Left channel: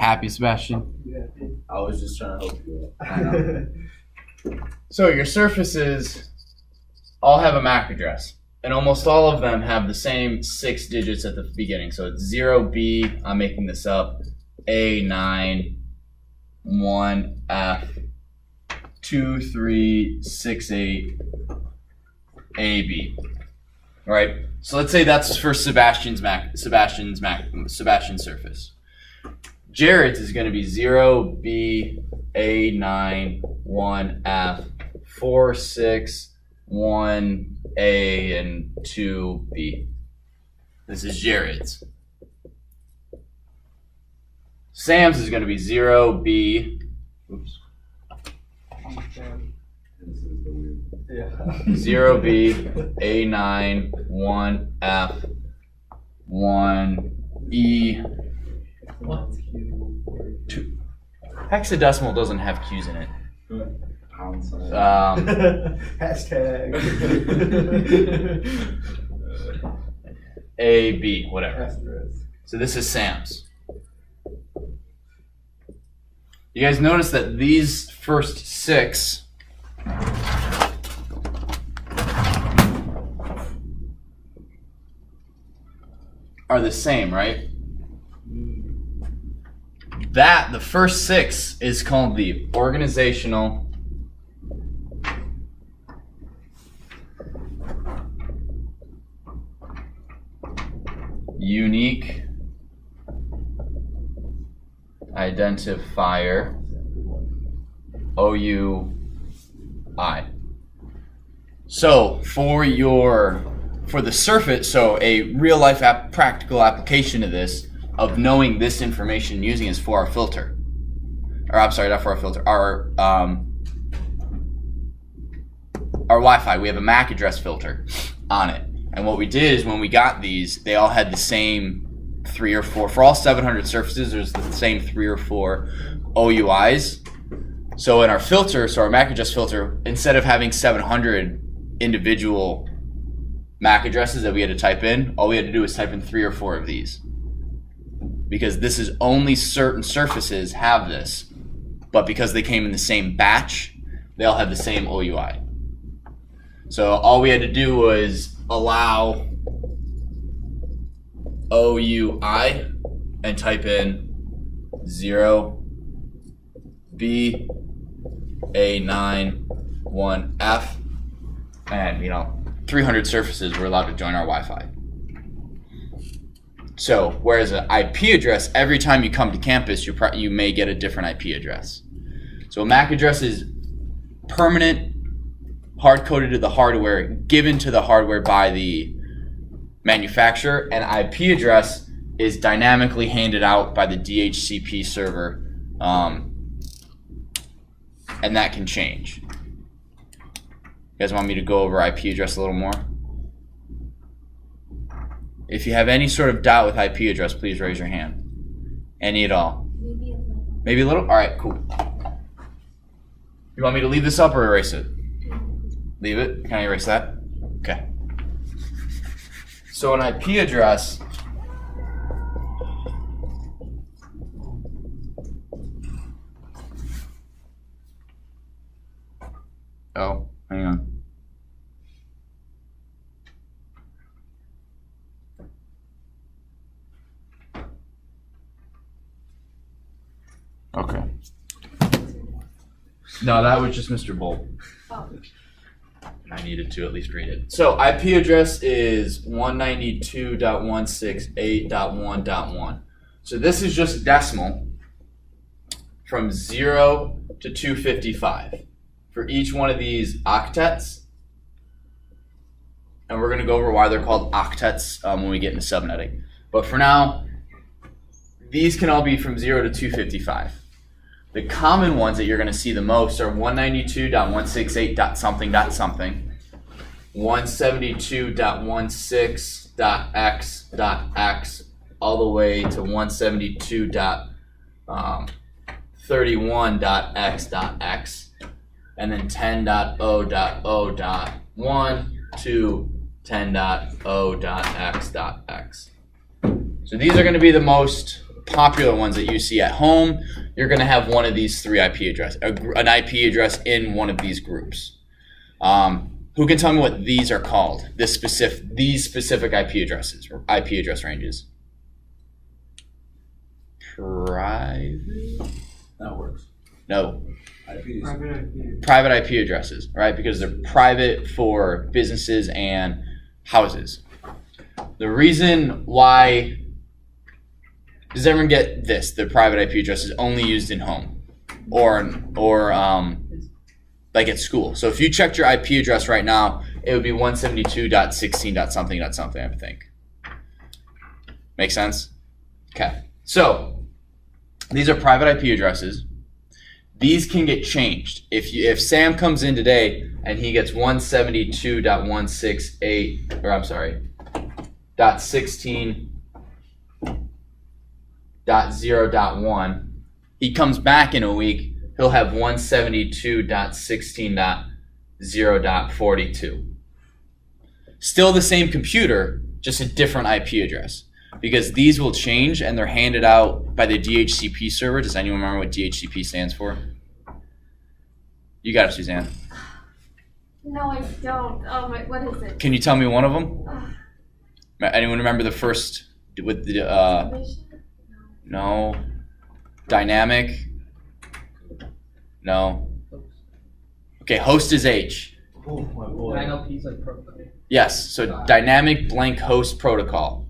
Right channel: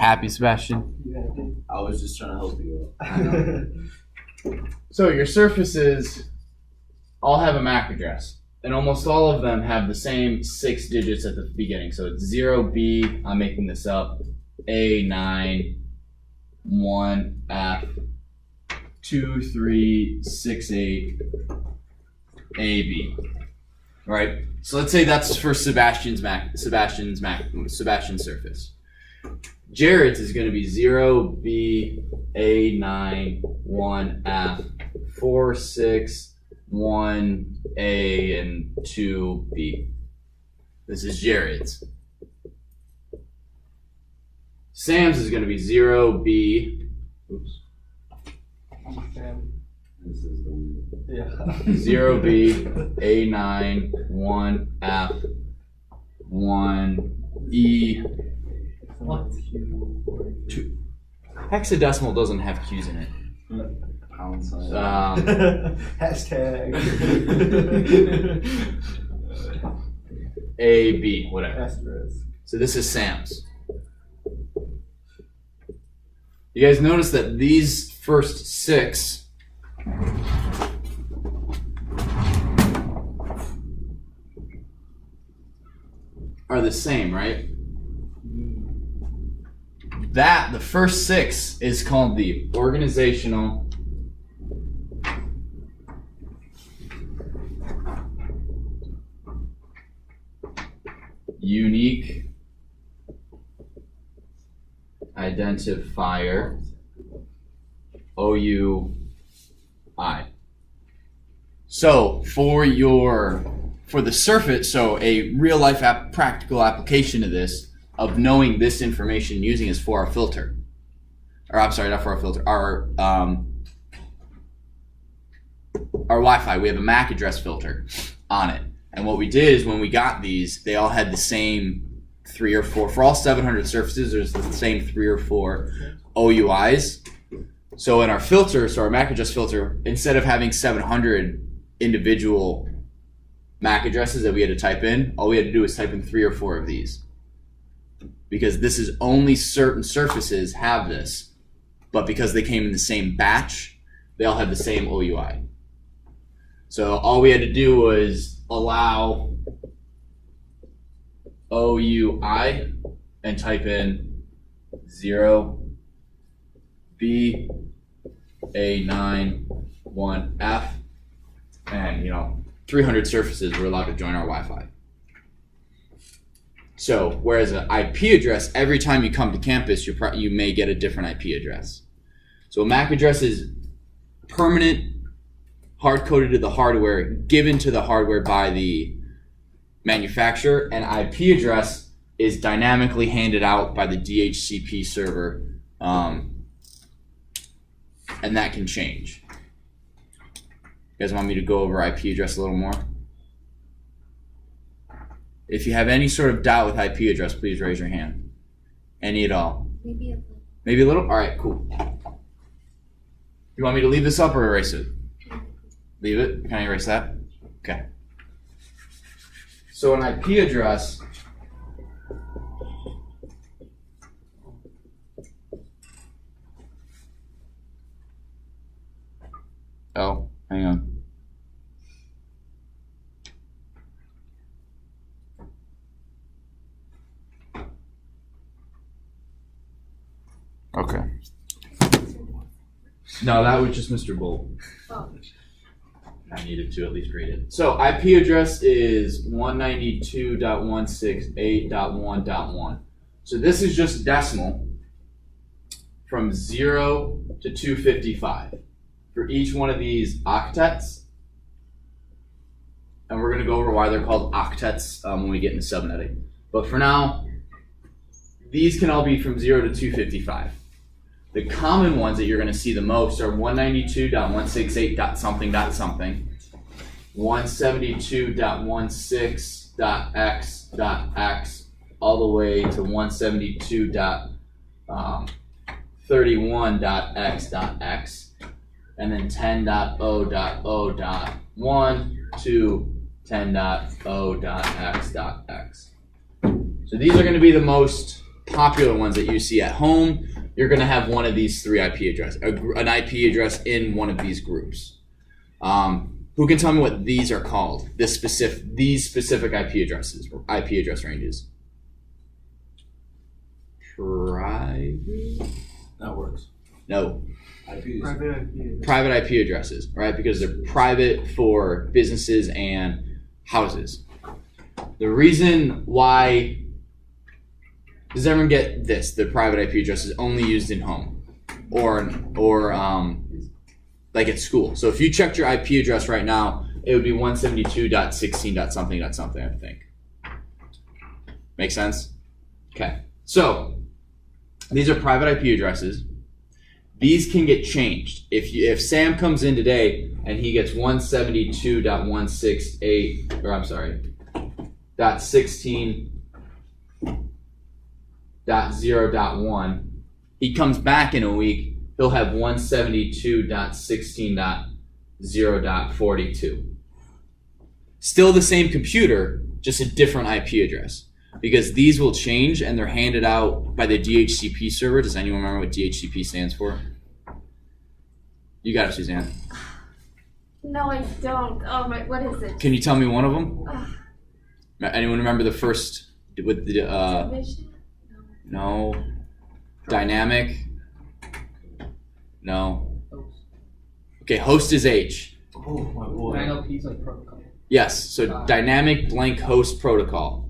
Happy, Sebastian? I was just trying to help you out. So your surfaces all have a MAC address, and almost all of them have the same 6 digits at the beginning. So it's 0B, I'm making this up, A9, 1F, 2368 AB. All right. So let's say that's for Sebastian's surface. Jared's is going to be 0B A9 1F 4 6 1A and 2B. This is Jared's. Sam's is going to be 0B. Oops. This is the weird. Yeah. 0B A9 1F 1E 2. Hexadecimal doesn't have Q's in it. Pound sign. Hashtag. A, B, whatever. Asterisk. So this is Sam's. You guys notice that these first 6 are the same, right? The first 6 is called the organizational unique identifier, OUI. So for the surface, so a real life practical application of this, of knowing this information using is for our filter. Or I'm sorry, not for our filter, our Wi-Fi. We have a MAC address filter on it. And what we did is when we got these, they all had the same 3 or 4. For all 700 surfaces, there's the same 3 or 4 OUIs. So in our filter, so our MAC address filter, instead of having 700 individual MAC addresses that we had to type in, all we had to do was type in 3 or 4 of these. Because this is only certain surfaces have this. But because they came in the same batch, they all have the same OUI. So all we had to do was allow OUI and type in 0B A9 1F, and 300 surfaces were allowed to join our Wi-Fi. So whereas an IP address, every time you come to campus, you may get a different IP address. So a MAC address is permanent, hard-coded to the hardware, given to the hardware by the manufacturer. An IP address is dynamically handed out by the DHCP server, and that can change. You guys want me to go over IP address a little more? If you have any sort of doubt with IP address, please raise your hand. Any at all? Maybe a little. Maybe a little? All right, cool. You want me to leave this up or erase it? Leave it? Can I erase that? Okay. So an IP address hang on. Okay. No, that was just Mr. Bolt. Oh. I needed to at least read it. So IP address is 192.168.1.1. So this is just decimal from 0 to 255 for each one of these octets. And we're going to go over why they're called octets when we get into subnetting. But for now, these can all be from 0 to 255. The common ones that you're going to see the most are 192.168.something.something, 172.16.x.x, all the way to 172.31.x.x, and then 10.0.0.1 to 10.0.x.x. So these are going to be the most popular ones that you see at home, you're going to have one of these three IP addresses, an IP address in one of these groups. Who can tell me what these are called? These specific IP addresses or IP address ranges. Private? That works. No. IPs. Private IP addresses, right? Because they're private for businesses and houses. The reason why, does everyone get this? The private IP address is only used in home or like at school. So if you checked your IP address right now, it would be 172.16.something.something, I think. Make sense? Okay. So these are private IP addresses. These can get changed. If Sam comes in today and he gets 172.168, or I'm sorry, .16.0.1, he comes back in a week, he'll have 172.16.0.42. Still the same computer, just a different IP address. Because these will change and they're handed out by the DHCP server. Does anyone remember what DHCP stands for? You got it, Suzanne. No, I don't. Oh my, what is it? Can you tell me one of them? Anyone remember the first with the Mission? no. Dynamic? No. Okay, host is H. Oh, my boy. ILP's like protocol. Yes, so dynamic blank host protocol.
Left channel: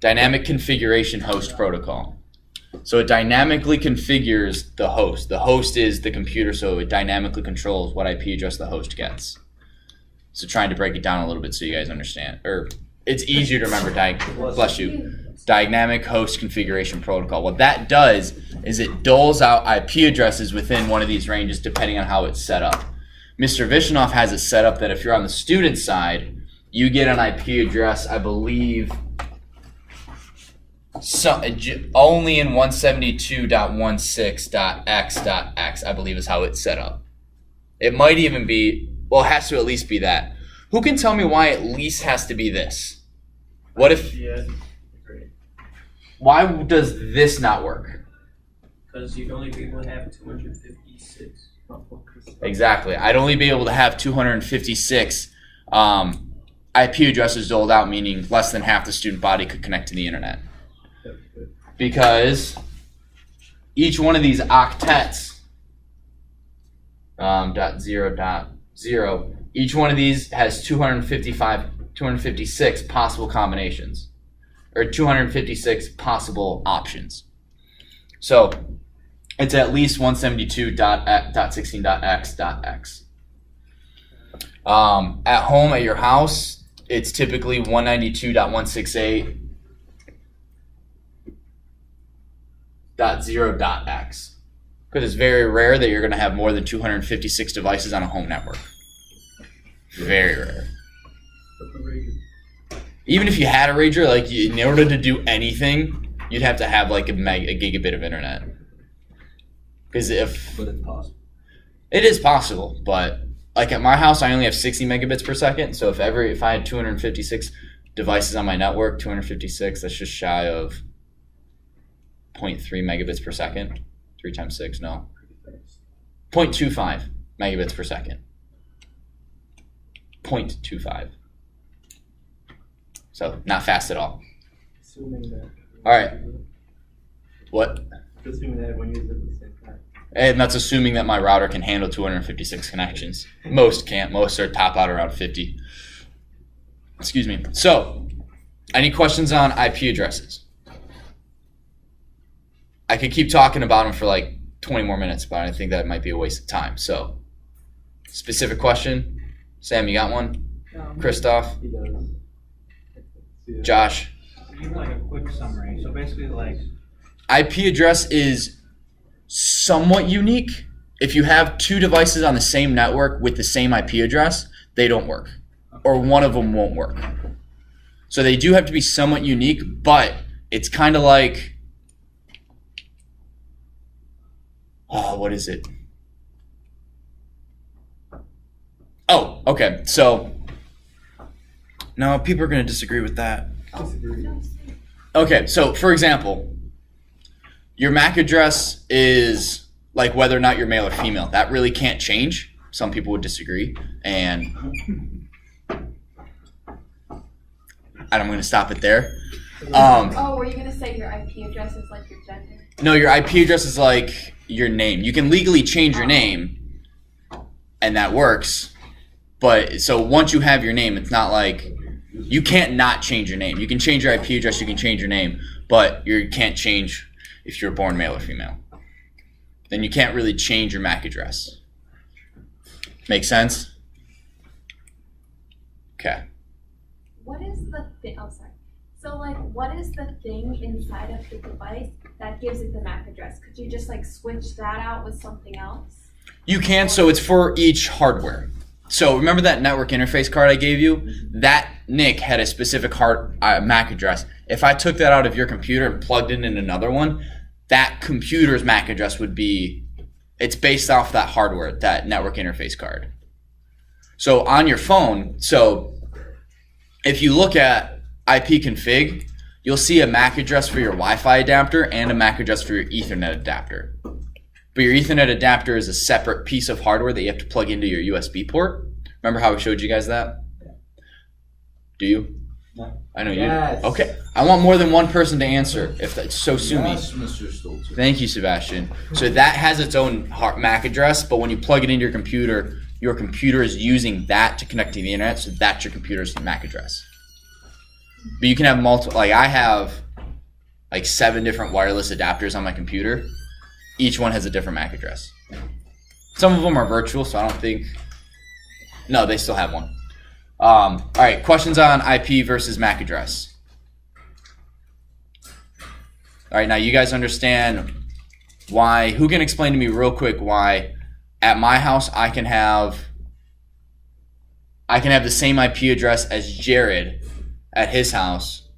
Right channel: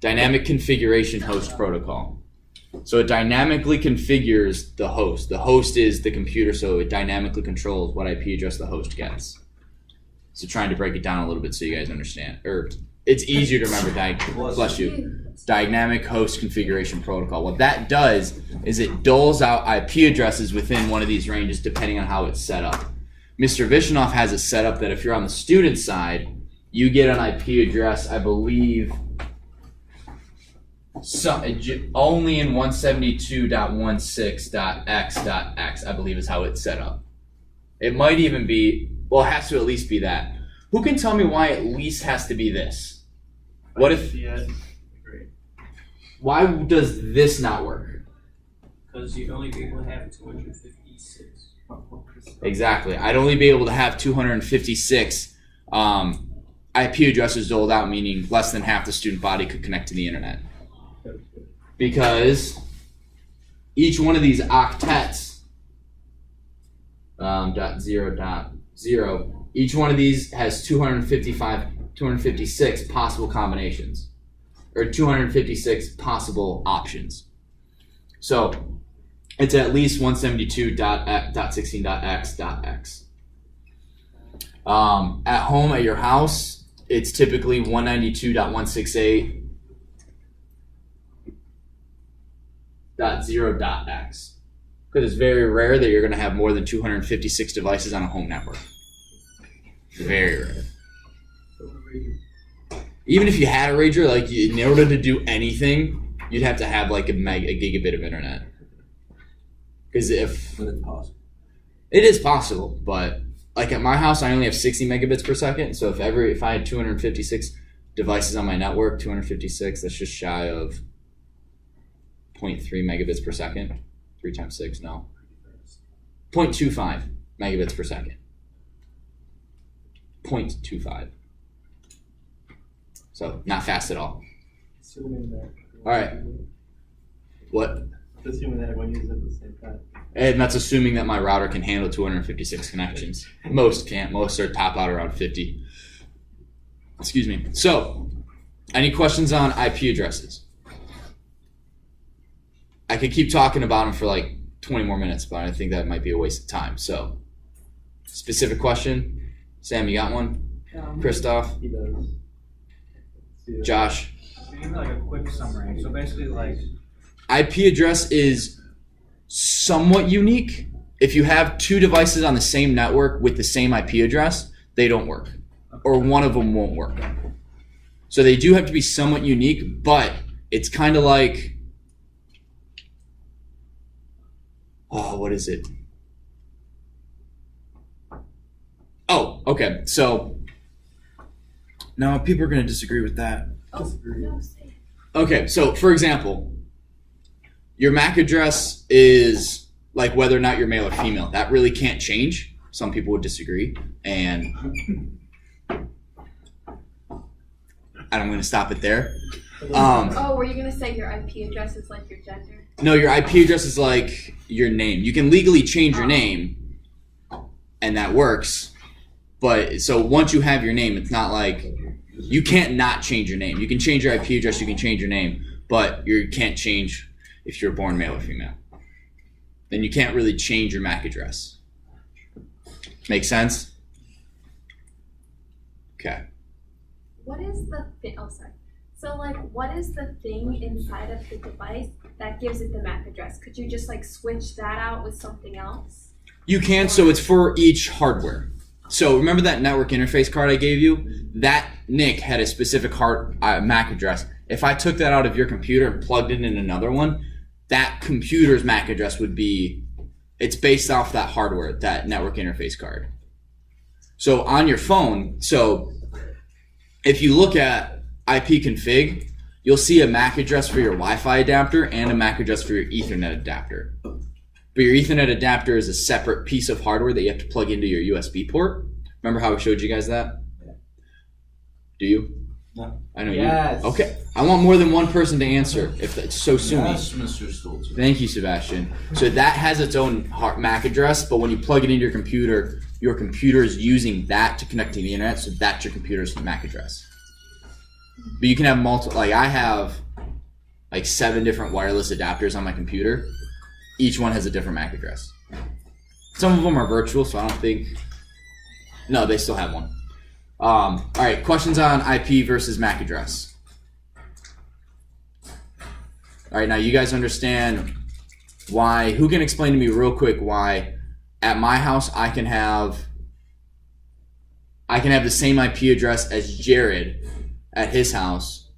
Dynamic configuration host protocol. So it dynamically configures the host. The host is the computer, so it dynamically controls what IP address the host gets. So trying to break it down a little bit so you guys understand. Or it's easier to remember, bless you. Dynamic host configuration protocol. What that does is it doles out IP addresses within one of these ranges depending on how it's set up. Mr. Vishnoff has it set up that if you're on the student side, you get an IP address, I believe, only in 172.16.x.x, I believe is how it's set up. It might even be, well, it has to at least be that. Who can tell me why at least has to be this? What if, why does this not work? Because you'd only be able to have 256. Exactly. I'd only be able to have 256 IP addresses doled out, meaning less than half the student body could connect to the internet. Because each one of these octets, .0.0, each one of these has 256 possible combinations, or 256 possible options. So it's at least 172.16.x.x. At home at your house, it's typically 192.168.0.x. Because it's very rare that you're going to have more than 256 devices on a home network. Very rare. Even if you had a rager, like in order to do anything, you'd have to have like a gigabit of internet. Because But it's possible. it is possible, but like at my house, I only have 60 megabits per second. So if I had 256 devices on my network, 256, that's just shy of 0.3 megabits per second. 3 times 6, no. 0.25 megabits per second. 0.25. So not fast at all. Assuming that. All right. What? Assuming that everyone uses it at the same time. And that's assuming that my router can handle 256 connections. Most can't. Most are top out around 50. Excuse me. So, any questions on IP addresses? I could keep talking about them for like 20 more minutes, but I think that might be a waste of time. So, specific question? Sam, you got one? Christoph? He does. Josh? Give me like a quick summary. So basically, like, IP address is somewhat unique. If you have two devices on the same network with the same IP address, they don't work. Or one of them won't work. So they do have to be somewhat unique, but it's kind of like, what is it? Oh, okay. So, no, people are going to disagree with that. Disagree. Okay, so for example, your MAC address is like whether or not you're male or female. That really can't change. Some people would disagree, and I'm going to stop it there. Oh, were you gonna say your IP address is like your gender? No, your IP address is like your name. You can legally change your name, and that works. But so once you have your name, it's not like you can't not change your name. You can change your IP address, you can change your name, but you can't change if you're born male or female. Then you can't really change your MAC address. Make sense? Okay. What is the thing? Oh, sorry. So, like, what is the thing inside of the device that gives it the MAC address? Could you just like switch that out with something else? You can, so it's for each hardware. So remember that network interface card I gave you? That NIC had a specific MAC address. If I took that out of your computer and plugged it in another one, that computer's MAC address would be, it's based off that hardware, that network interface card. So on your phone, so if you look at IP config, you'll see a MAC address for your Wi-Fi adapter and a MAC address for your Ethernet adapter. But your Ethernet adapter is a separate piece of hardware that you have to plug into your USB port. Remember how I showed you guys that? Yeah. Do you? No. I know Yes. you. Okay. I want more than one person to answer. If that's so sue me. Yes, Mr. Stolzer. Thank you, Sebastian. So that has its own MAC address, but when you plug it into your computer is using that to connect to the internet, so that's your computer's MAC address. But you can have multiple, like I have like 7 different wireless adapters on my computer. Each one has a different MAC address. Some of them are virtual, so I don't think, no, they still have one. All right, questions on IP versus MAC address. All right, now you guys understand why, who can explain to me real quick why at my house I can have the same IP address as Jared at his house,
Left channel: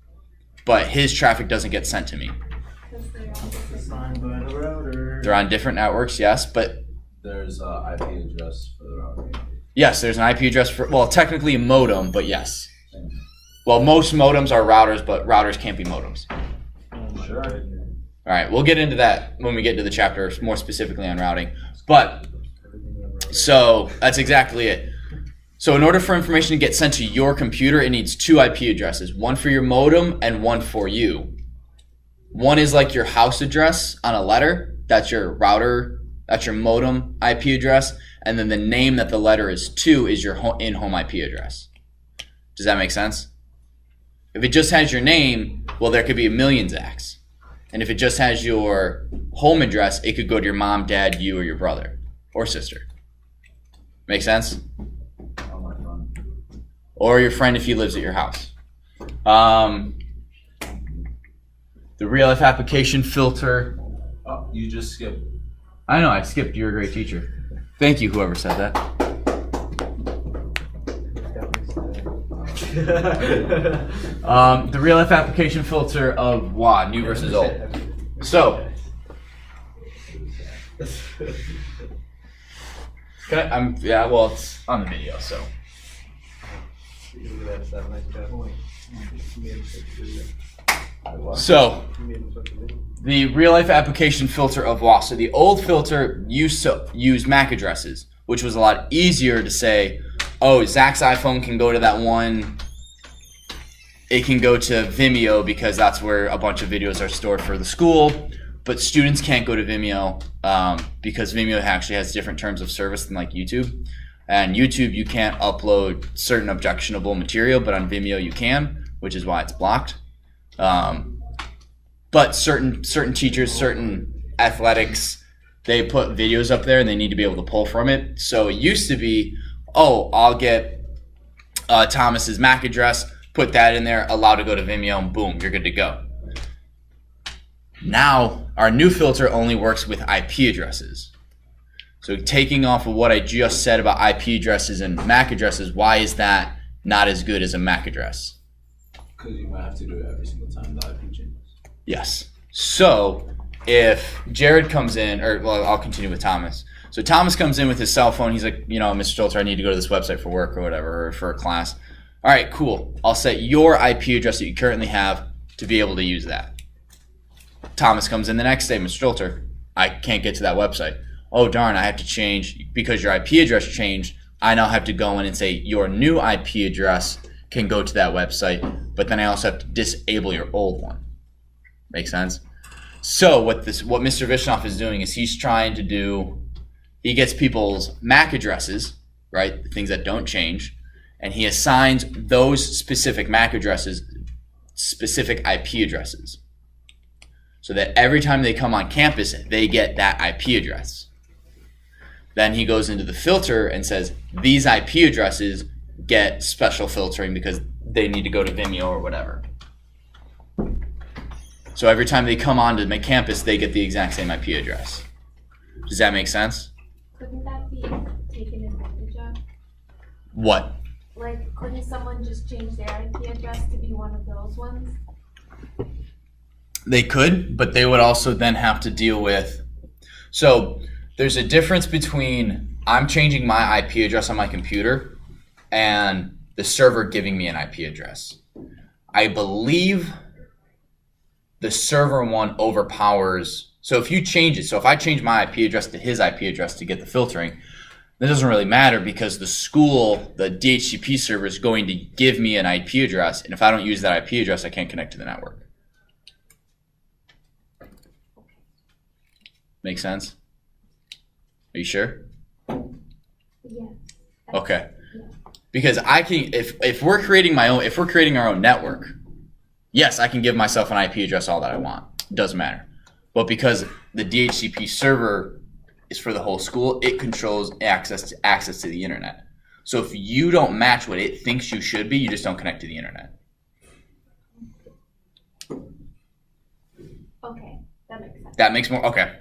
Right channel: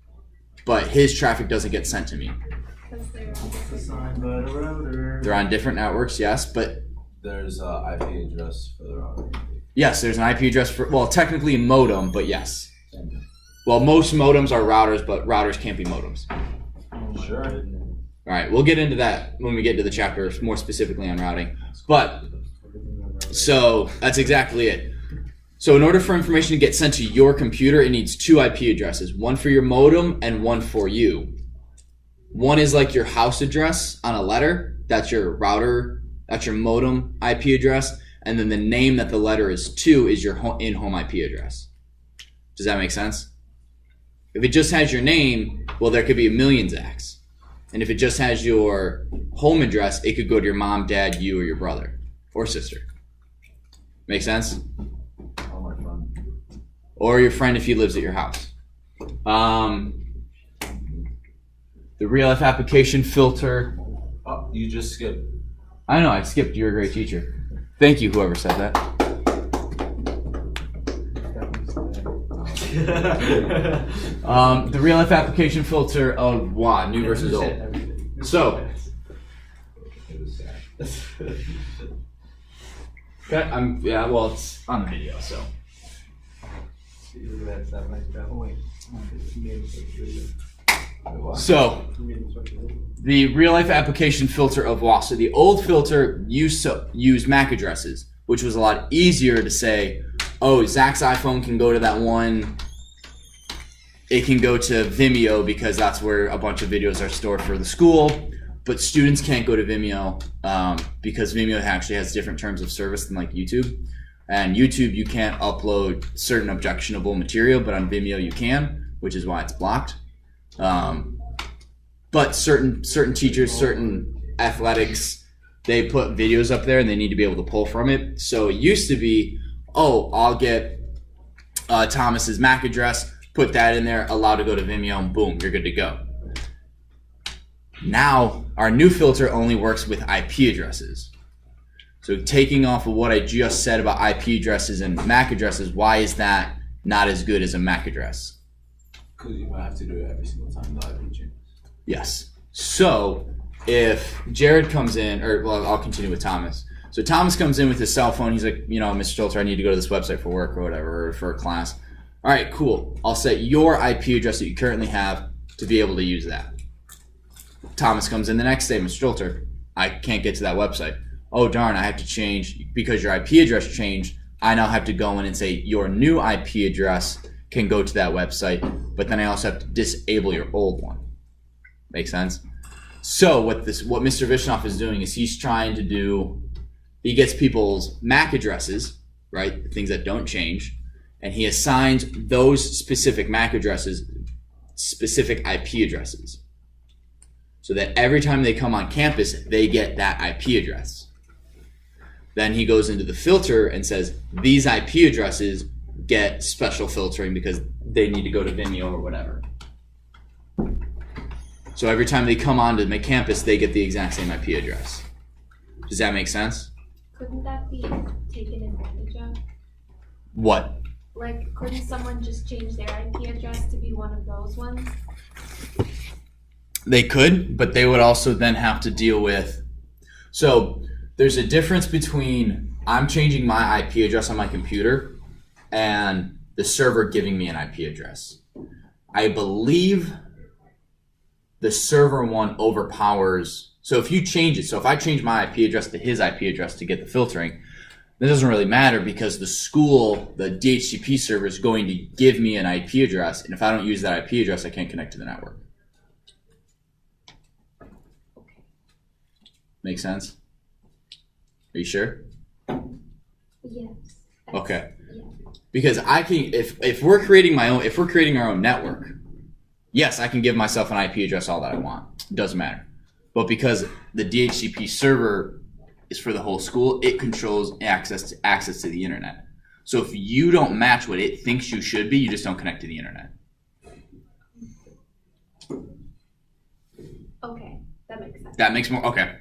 but his traffic doesn't get sent to me. Because they're all different. Assigned by the router. They're on different networks, yes, but There's a IP address for the router. yes, there's an IP address for, well, technically a modem, but yes. Well, most modems are routers, but routers can't be modems. Oh my Sure. goodness. All right, we'll get into that when we get to the chapter more specifically on routing. But, so that's exactly it. So in order for information to get sent to your computer, it needs 2 IP addresses, one for your modem and one for you. One is like your house address on a letter, that's your router, that's your modem IP address, and then the name that the letter is to is your in-home IP address. Does that make sense? If it just has your name, well, there could be a million Zachs. And if it just has your home address, it could go to your mom, dad, you, or your brother or sister. Make sense? Oh, my fun. Or your friend if he lives at your house. The real life application filter. Oh, you just skipped. I know, I skipped. You're a great teacher. Thank you, whoever said that. The real life application filter of WA, new versus old. So, yeah, well, it's on the video, so. So, the real life application filter of WA. So the old filter used to use MAC addresses, which was a lot easier to say, oh, Zach's iPhone can go to that one. It can go to Vimeo because that's where a bunch of videos are stored for the school. But students can't go to Vimeo because Vimeo actually has different terms of service than like YouTube. And YouTube, you can't upload certain objectionable material, but on Vimeo you can, which is why it's blocked. But certain teachers, certain athletics, they put videos up there and they need to be able to pull from it. So it used to be, oh, I'll get Thomas's MAC address, put that in there, allow to go to Vimeo, and boom, you're good to go. Now, our new filter only works with IP addresses. So taking off of what I just said about IP addresses and MAC addresses, why is that not as good as a MAC address? Because you might have to do it every single time the IP changes. Yes. So if Jared comes in, or well, I'll continue with Thomas. So Thomas comes in with his cell phone. He's like, Mr. Stolzer, I need to go to this website for work or whatever, or for a class. All right, cool. I'll set your IP address that you currently have to be able to use that. Thomas comes in the next day, Mr. Filter, I can't get to that website. Oh darn, I have to change because your IP address changed. I now have to go in and say your new IP address can go to that website, but then I also have to disable your old one. Make sense? So what Mr. Vishnoff is doing is he gets people's MAC addresses, right? The things that don't change, and he assigns those specific MAC addresses specific IP addresses. So that every time they come on campus, they get that IP address. Then he goes into the filter and says, these IP addresses get special filtering because they need to go to Vimeo or whatever. So every time they come onto my campus, they get the exact same IP address. Does that make sense? Couldn't that be taken advantage of? What? Like, couldn't someone just change their IP address to be one of those ones? They could, but they would also then have to deal with. So there's a difference between I'm changing my IP address on my computer and the server giving me an IP address. I believe the server one overpowers. So if you change it, so if I change my IP address to his IP address to get the filtering, it doesn't really matter because the school, the DHCP server is going to give me an IP address, and if I don't use that IP address, I can't connect to the network. Make sense? Are you sure? Yes. Okay. Yeah. Because I can, if we're creating our own network, yes, I can give myself an IP address all that I want. It doesn't matter. But because the DHCP server is for the whole school, it controls access to the internet. So if you don't match what it thinks you should be, you just don't connect to the internet. Okay, that makes sense. That makes more, okay.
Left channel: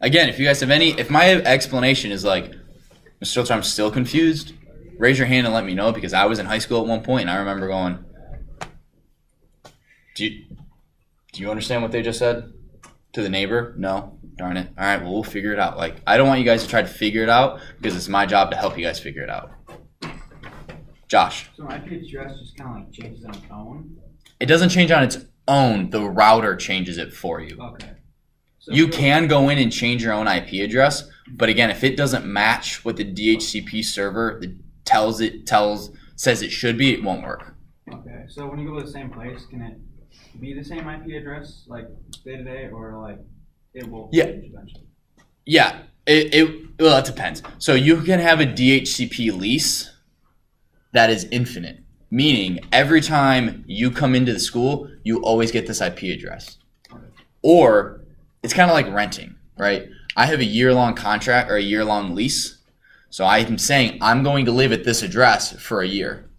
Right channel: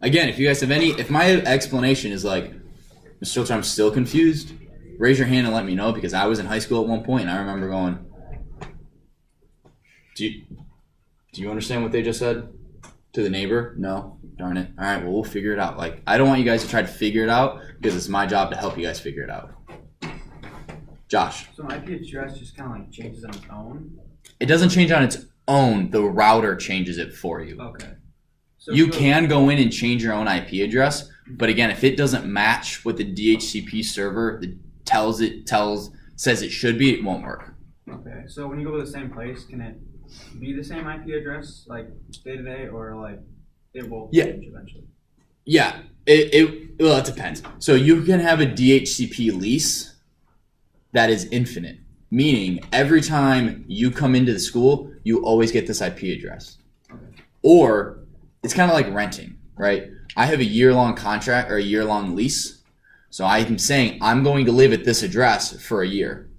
Again, if you guys have if my explanation is like, Mr. Filter, I'm still confused, raise your hand and let me know, because I was in high school at one point and I remember going, do you understand what they just said to the neighbor? No? Darn it. All right, well, we'll figure it out. Like, I don't want you guys to try to figure it out because it's my job to help you guys figure it out. Josh. So an IP address just kind of like changes on its own? It doesn't change on its own. The router changes it for you. Okay. So You can go in and change your own IP address, but again, if it doesn't match what the DHCP server says it should be, it won't work. Okay, so when you go to the same place, can it be the same IP address, like day to day, or like it will change eventually? Yeah, well, it depends. So you can have a DHCP lease that is infinite, meaning every time you come into the school, you always get this IP address. Okay. Or it's kind of like renting, right? I have a year-long contract or a year-long lease. So I'm saying I'm going to live at this address for a year.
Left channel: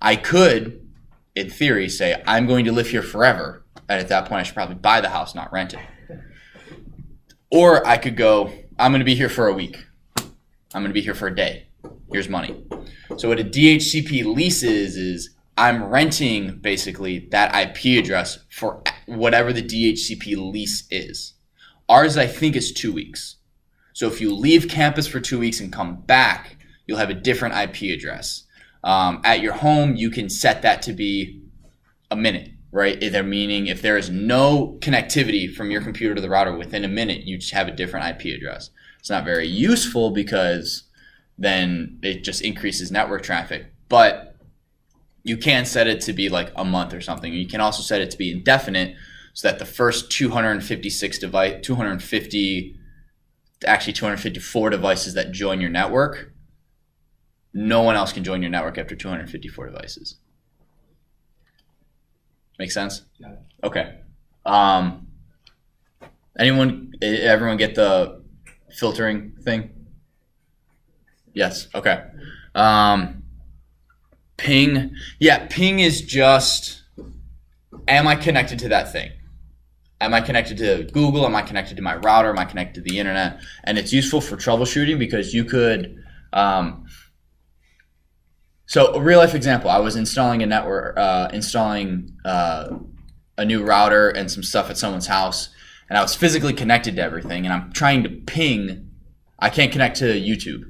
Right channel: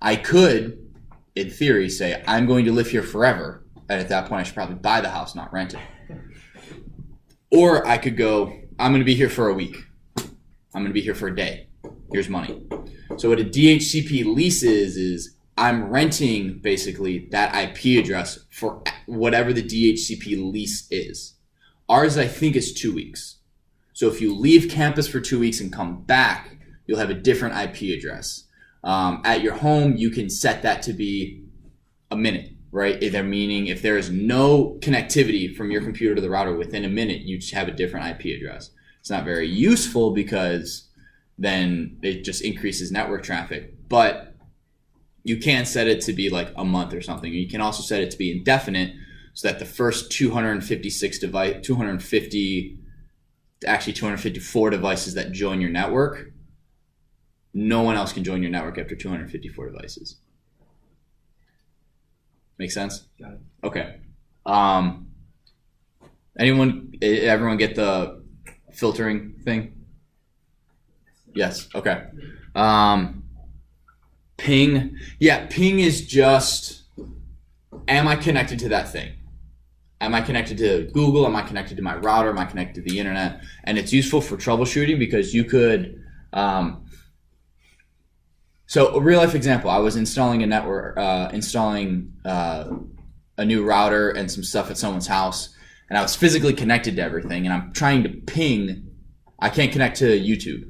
I could, in theory, say I'm going to live here forever. And at that point, I should probably buy the house, not rent it. Or I could go, I'm going to be here for a week. I'm going to be here for a day. Here's money. So what a DHCP lease is I'm renting basically that IP address for whatever the DHCP lease is. Ours, I think, is 2 weeks. So if you leave campus for 2 weeks and come back, you'll have a different IP address. At your home, you can set that to be a minute, right? Either meaning if there is no connectivity from your computer to the router within a minute, you just have a different IP address. It's not very useful because then it just increases network traffic. But you can set it to be like a month or something. You can also set it to be indefinite so that the first 254 devices that join your network, no one else can join your network after 254 devices. Make sense? Got it. Okay. Everyone get the filtering thing? Yes. Okay. Ping. Yeah, ping is just, am I connected to that thing? Am I connected to Google? Am I connected to my router? Am I connected to the internet? And it's useful for troubleshooting because you could, so a real life example, I was installing a network, a new router and some stuff at someone's house, and I was physically connected to everything, and I'm trying to ping. I can't connect to YouTube.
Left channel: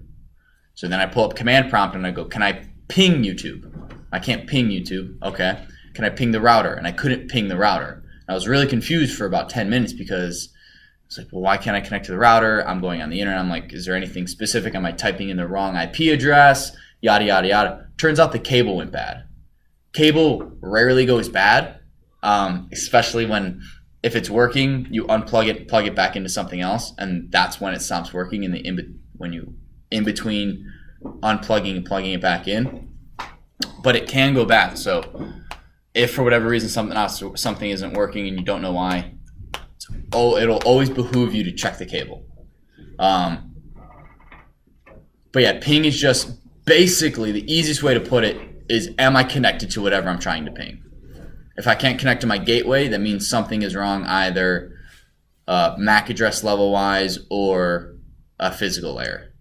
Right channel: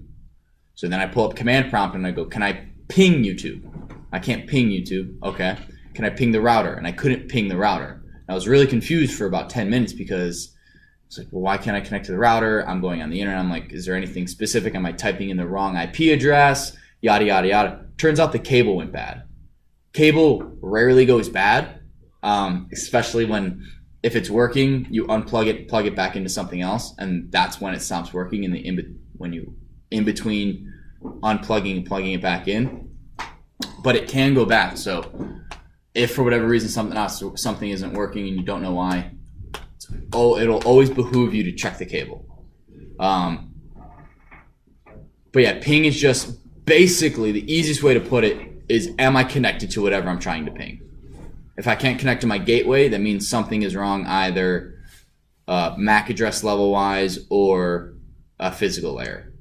So then I pull up command prompt and I go, can I ping YouTube? I can't ping YouTube. Okay. can I ping the router? And I couldn't ping the router. I was really confused for about 10 minutes because it's like, well, why can't I connect to the router? I'm going on the internet. I'm like, is there anything specific? Am I typing in the wrong IP address? Yada, yada, yada. Turns out the cable went bad. Cable rarely goes bad, especially if it's working, you unplug it, plug it back into something else, and that's when it stops working when you in between unplugging and plugging it back in. But it can go bad. So if for whatever reason something isn't working and you don't know why, it'll always behoove you to check the cable. But yeah, ping is just basically the easiest way to put it is, am I connected to whatever I'm trying to ping? If I can't connect to my gateway, that means something is wrong, either MAC address level wise or a physical layer.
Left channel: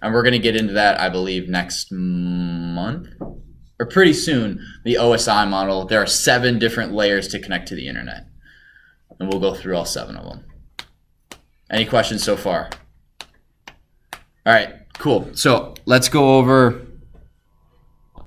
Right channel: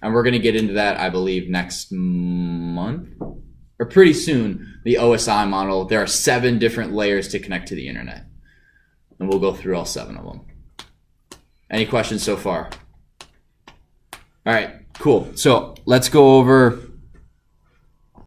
And we're going to get into that, I believe, next month or pretty soon. The OSI model, there are 7 different layers to connect to the internet, and we'll go through all 7 of them. Any questions so far? All right, cool. So let's go over